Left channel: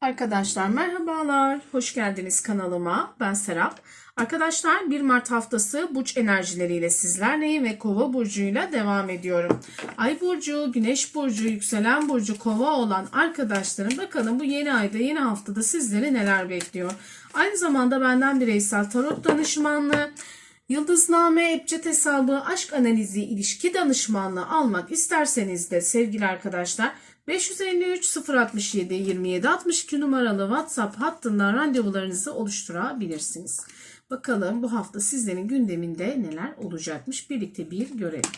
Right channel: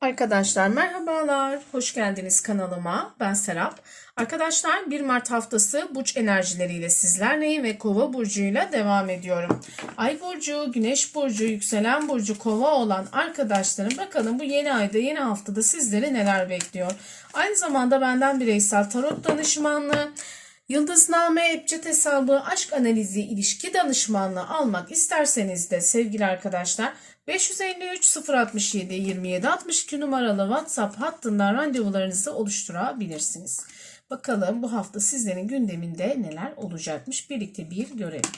Arkadaşlar merhabalar, hoş geldiniz kanalıma. Ben Serap. Arkadaşlar 1 Mart haftası burç enerjileriyle sizlerleyim ve Kova burcuyla devam ediyorum. Ay burcu, Güneş burcu, yükselen burcu Kova olan arkadaşlarım bakalım bu yeni ayda, yeni haftada sizleri neler bekliyor. Aynı zamanda benden bireysel tarot danışmanlığı, Yıldızname, Ebced hesabı, aşk analizi, ilişki danışmanlığı almak isterseniz de sevgili arkadaşlar 553 067 27 62 numaralı WhatsApp hattından randevularınızı oluşturabilirsiniz. Bakalım bu hafta sizlerin gündeminde neler olacakmış birlikte bir görelim.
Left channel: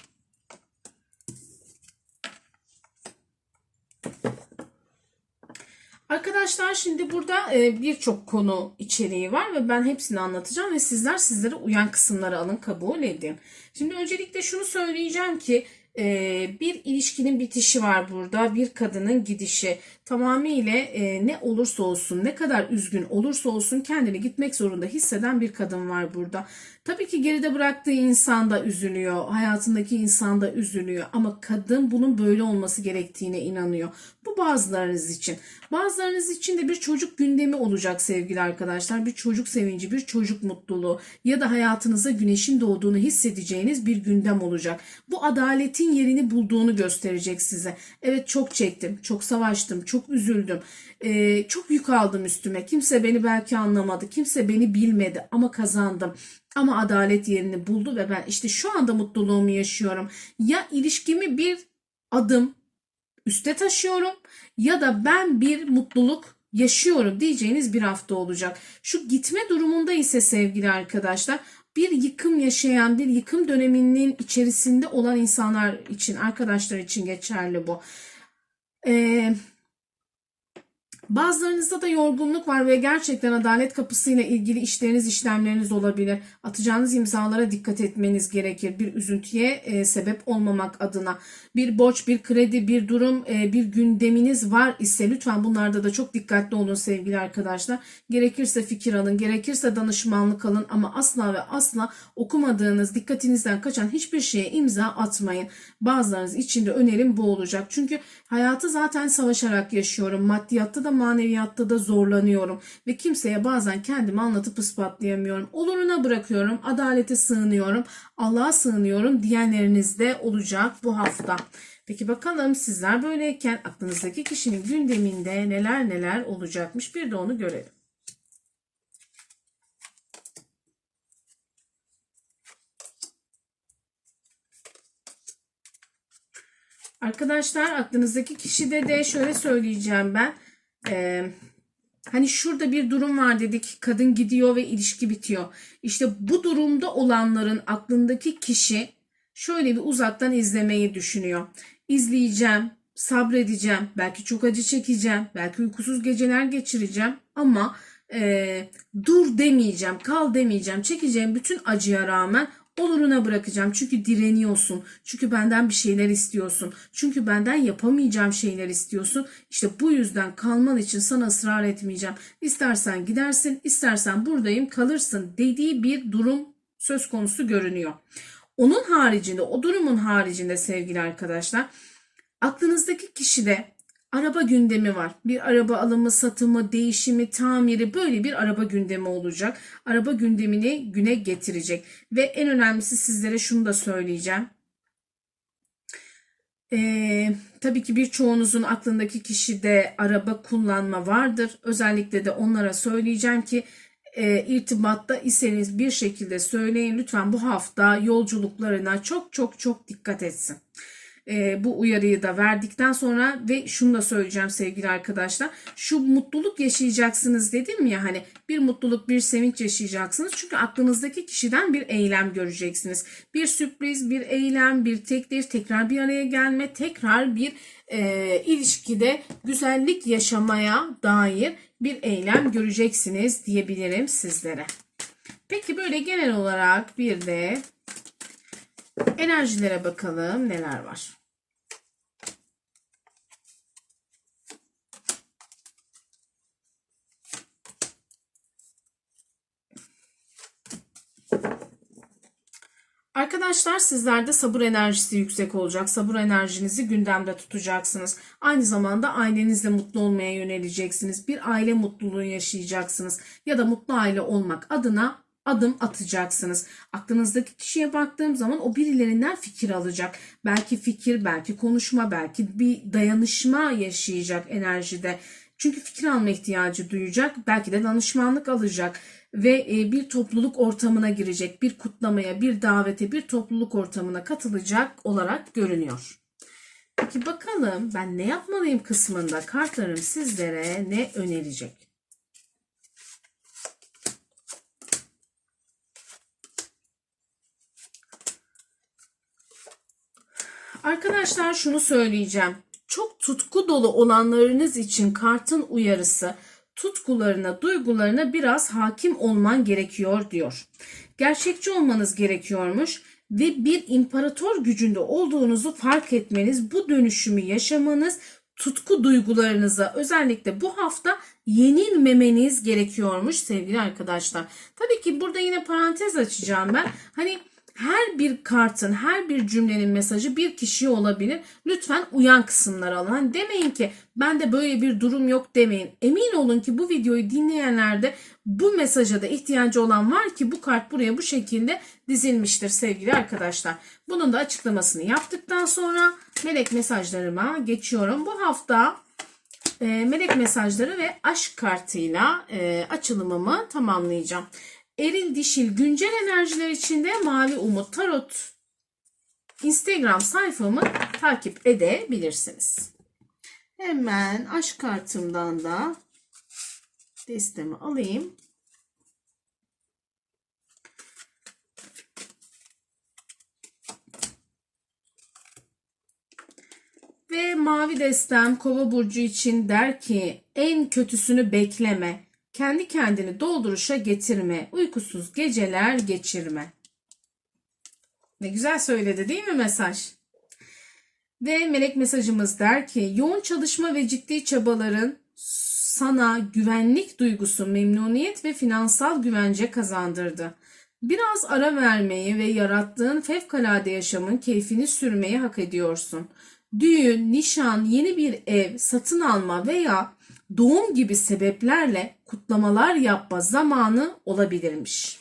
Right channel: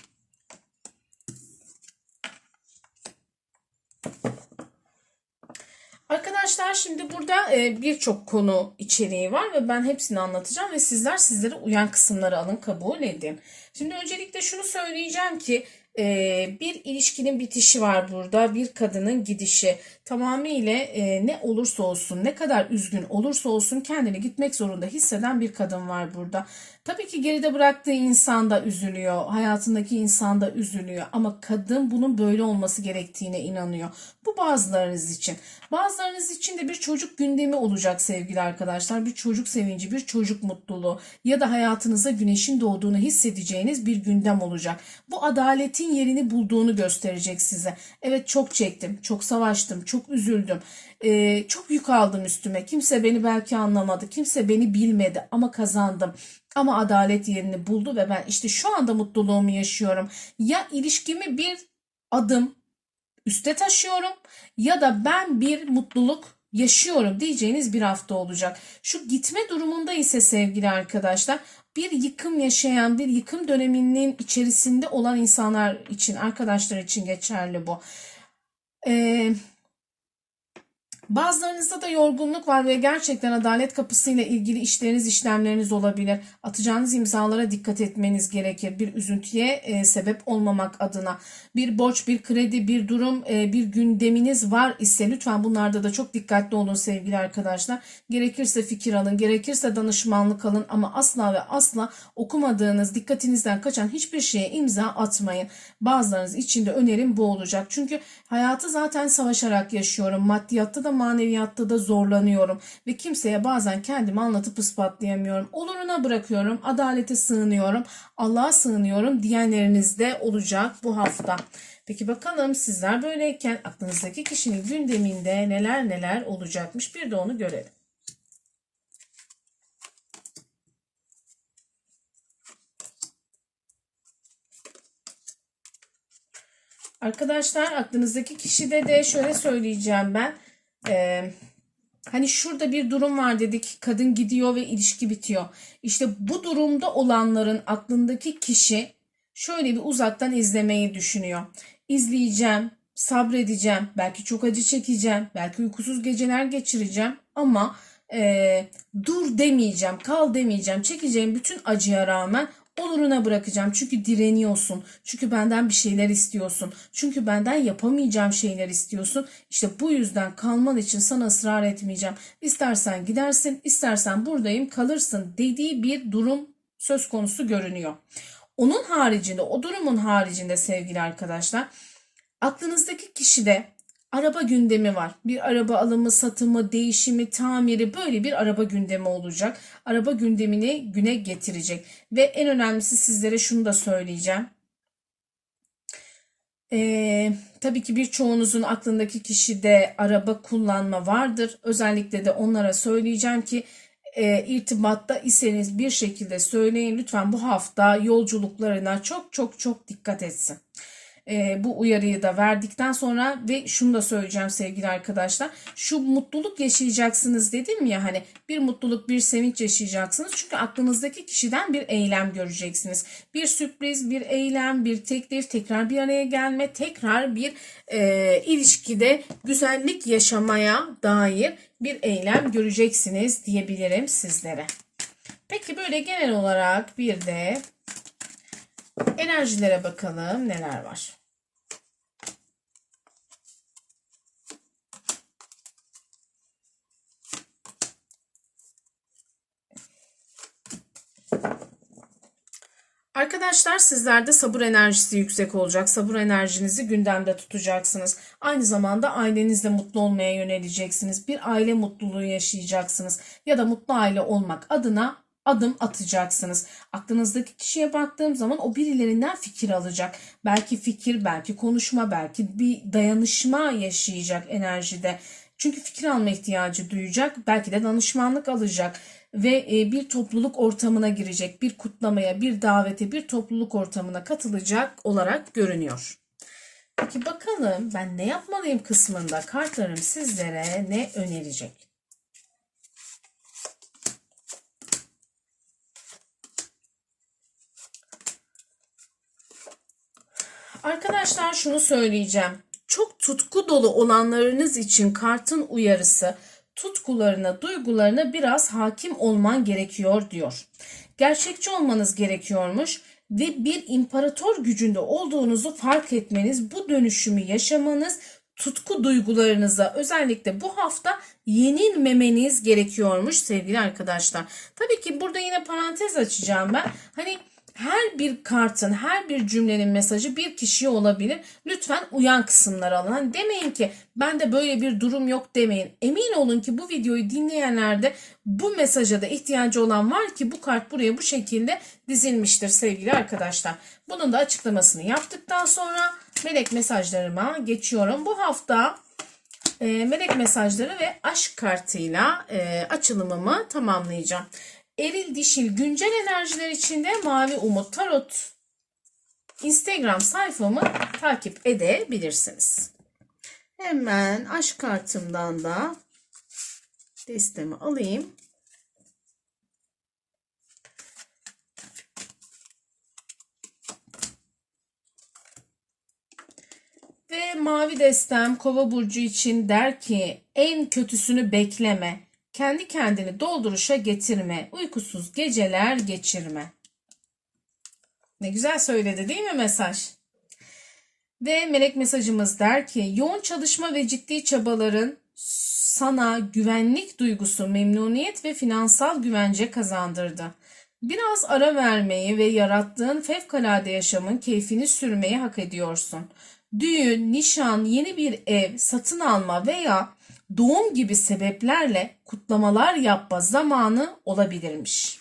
Arkadaşlar şimdi burada e, birçok konu içeriği var ve ben hepsini anlatacağım ve sizler sizlere uyan kısımları alın kabul edin. Şimdi öncelikle şunu söyleyeceğim ki bir ilişkinin bitişi var burada bir kadının gidişi tamamıyla e, ne olursa olsun ne kadar üzgün olursa olsun kendini gitmek zorunda hisseden bir kadın var burada. Tabii ki geride bıraktığı insan da üzülüyor hayatındaki insan da üzülüyor ama kadın bunun böyle olması gerektiğine inanıyor. Bu bazılarınız için. Bazılarınız için de bir çocuk gündemi olacak sevgili arkadaşlar. Bir çocuk sevinci, bir çocuk mutluluğu ya da hayatınıza güneşin doğduğunu hissedeceğiniz bir gündem olacak. Bu adaletin yerini bulduğunu gösterecek size. Evet çok çektim, çok savaştım, çok üzüldüm. Ee, çok yük aldım üstüme. Kimse beni belki anlamadı. Kimse beni bilmedi ama kazandım. Ama adalet yerini buldu ve ben işte şu anda mutluluğumu yaşıyorum. Ya ilişkimi bir adım üste taşıyorum ya da ben bir mutluluk yaşıyorum diyeceğiniz bir hafta olacak. Şu gitme durumunda ise sevgili arkadaşlar bir yıkım yaşayan bir yıkım döneminin içerisinde olan insanlar için arkadaşlar için geçerli bu. Ee, Bazılarınızda da yorgunluk var ve gerçekten adalet kapısıyla ilgili işleriniz, işlemleriniz olabilir. Atacağınız imzalara dikkat etmeniz gerekir. Bir üzüntüye e, sebep olmamak adına. Bir borç, bir kredi, bir durum, e, bir gündeminiz var ise lütfen bunlarda da çok dikkatli olun sevgili arkadaşlar. Gerekirse fikir alın, gerekirse danışmanlık alın ama asla ve asla okumadığınız, dikkatinizden kaçan hiçbir şeye imza atmayın. Bazılarınız için de önerim bu olacak. Çünkü hayatı zaten savaşarak yaşıyorum. Maddiyatta da maneviyatta da zorlanıyorum ve kimseye bazen kendimi anlatıp ispatlayamıyorum. Oluruna bırakıyorum, adalete sığınıyorum, Allah'a sığınıyorum diyenleriniz de olacak bu hafta. Peki bakalım sizler böyleyken aklınızdaki kişinin gündeminde neler neler olacakmış bir de onu görelim. Arkadaşlar aklınızdaki kişide de şöyle söyleyeceğim ben. Ee, hani şurada bir durum var dedik. Kadın gidiyor ve ilişki bitiyor. İşte bu durumda olanların aklındaki kişi şöyle bir uzaktan izlemeyi düşünüyor. İzleyeceğim, sabredeceğim, belki çok acı çekeceğim, belki uykusuz geceler geçireceğim ama e, dur demeyeceğim, kal demeyeceğim. Çekeceğim bütün acıya rağmen oluruna bırakacağım. Çünkü direniyorsun. Çünkü benden bir şeyler istiyorsun. Çünkü benden yapamayacağım şeyler istiyorsun. İşte bu yüzden kalman için sana ısrar etmeyeceğim. İstersen gidersin, istersen buradayım kalırsın dediği bir durum söz konusu görünüyor. Onun haricinde, o durumun haricinde sevgili arkadaşlar, aklınızdaki kişide araba gündemi var. Bir araba alımı, satımı, değişimi, tamiri böyle bir araba gündemi olacak. Araba gündemini güne getirecek. Ve en önemlisi sizlere şunu da söyleyeceğim. Ee, tabii ki birçoğunuzun aklındaki kişide araba kullanma vardır. Özellikle de onlara söyleyeceğim ki e, irtibatta iseniz bir şekilde söyleyin. Lütfen bu hafta yolculuklarına çok çok çok dikkat etsin e, bu uyarıyı da verdikten sonra ve şunu da söyleyeceğim sevgili arkadaşlar. Şu mutluluk yaşayacaksınız dedim ya hani bir mutluluk bir sevinç yaşayacaksınız. Çünkü aklınızdaki kişiden bir eylem göreceksiniz. Bir sürpriz, bir eylem, bir teklif, tekrar bir araya gelme, tekrar bir e, ilişkide güzellik yaşamaya dair bir eylem göreceksiniz diyebilirim sizlere. Peki böyle genel olarak bir de enerjilere bakalım neler var. Arkadaşlar sizlerde sabır enerjisi yüksek olacak. Sabır enerjinizi gündemde tutacaksınız. Aynı zamanda ailenizle mutlu olmaya yöneleceksiniz. Bir aile mutluluğu yaşayacaksınız. Ya da mutlu aile olmak adına adım atacaksınız. Aklınızdaki kişiye baktığım zaman o birilerinden fikir alacak. Belki fikir, belki konuşma, belki bir dayanışma yaşayacak enerjide. Çünkü fikir alma ihtiyacı duyacak. Belki de danışmanlık alacak ve e, bir topluluk ortamına girecek. Bir kutlamaya, bir davete, bir topluluk ortamına katılacak olarak görünüyor. Peki bakalım ben ne yapmalıyım kısmında kartlarım sizlere ne önerecek? Arkadaşlar şunu söyleyeceğim. Çok tutku dolu olanlarınız için kartın uyarısı tutkularına, duygularına biraz hakim olman gerekiyor diyor. Gerçekçi olmanız gerekiyormuş ve bir imparator gücünde olduğunuzu fark etmeniz, bu dönüşümü yaşamanız, tutku duygularınıza özellikle bu hafta yenilmemeniz gerekiyormuş sevgili arkadaşlar. Tabii ki burada yine parantez açacağım ben. Hani her bir kartın, her bir cümlenin mesajı bir kişiye olabilir. Lütfen uyan kısımları alın. Hani demeyin ki ben de böyle bir durum yok demeyin. Emin olun ki bu videoyu dinleyenlerde bu mesaja da ihtiyacı olan var ki bu kart buraya bu şekilde dizilmiştir sevgili arkadaşlar. Bunun da açıklamasını yaptıktan sonra melek mesajlarıma geçiyorum. Bu hafta e, melek mesajları ve aşk kartıyla e, açılımımı tamamlayacağım. Eril Dişil güncel enerjiler içinde Mavi Umut Tarot Instagram sayfamı takip edebilirsiniz. Hemen aşk kartımdan da destemi alayım. Ve mavi destem kova burcu için der ki en kötüsünü bekleme. Kendi kendini dolduruşa getirme. Uykusuz geceler geçirme. Ne güzel söyledi değil mi mesaj? Ve melek mesajımız der ki yoğun çalışma ve ciddi çabaların sana güvenlik duygusu, memnuniyet ve finansal güvence kazandırdı. Biraz ara vermeyi ve yarattığın fevkalade yaşamın keyfini sürmeyi hak ediyorsun. Düğün, nişan, yeni bir ev, satın alma veya doğum gibi sebeplerle kutlamalar yapma zamanı olabilirmiş.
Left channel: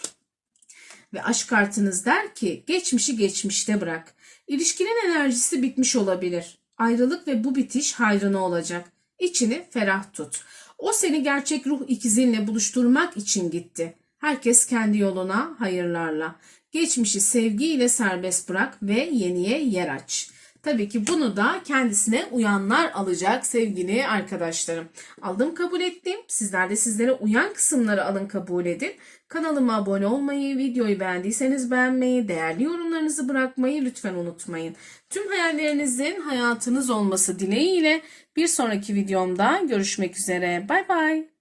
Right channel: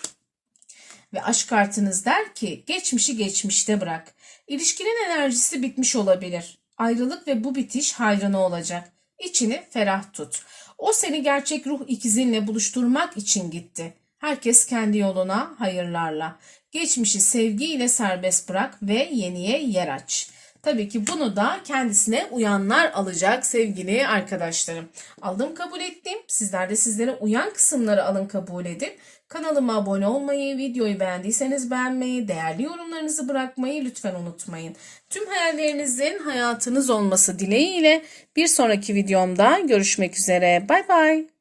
Ve aşk kartınız der ki geçmişi geçmişte bırak. İlişkinin enerjisi bitmiş olabilir. Ayrılık ve bu bitiş hayrına olacak. İçini ferah tut. O seni gerçek ruh ikizinle buluşturmak için gitti. Herkes kendi yoluna hayırlarla. Geçmişi sevgiyle serbest bırak ve yeniye yer aç. Tabii ki bunu da kendisine uyanlar alacak sevgili arkadaşlarım. Aldım kabul ettim. Sizler de sizlere uyan kısımları alın kabul edin. Kanalıma abone olmayı, videoyu beğendiyseniz beğenmeyi, değerli yorumlarınızı bırakmayı lütfen unutmayın. Tüm hayallerinizin hayatınız olması dileğiyle bir sonraki videomda görüşmek üzere. Bay bay.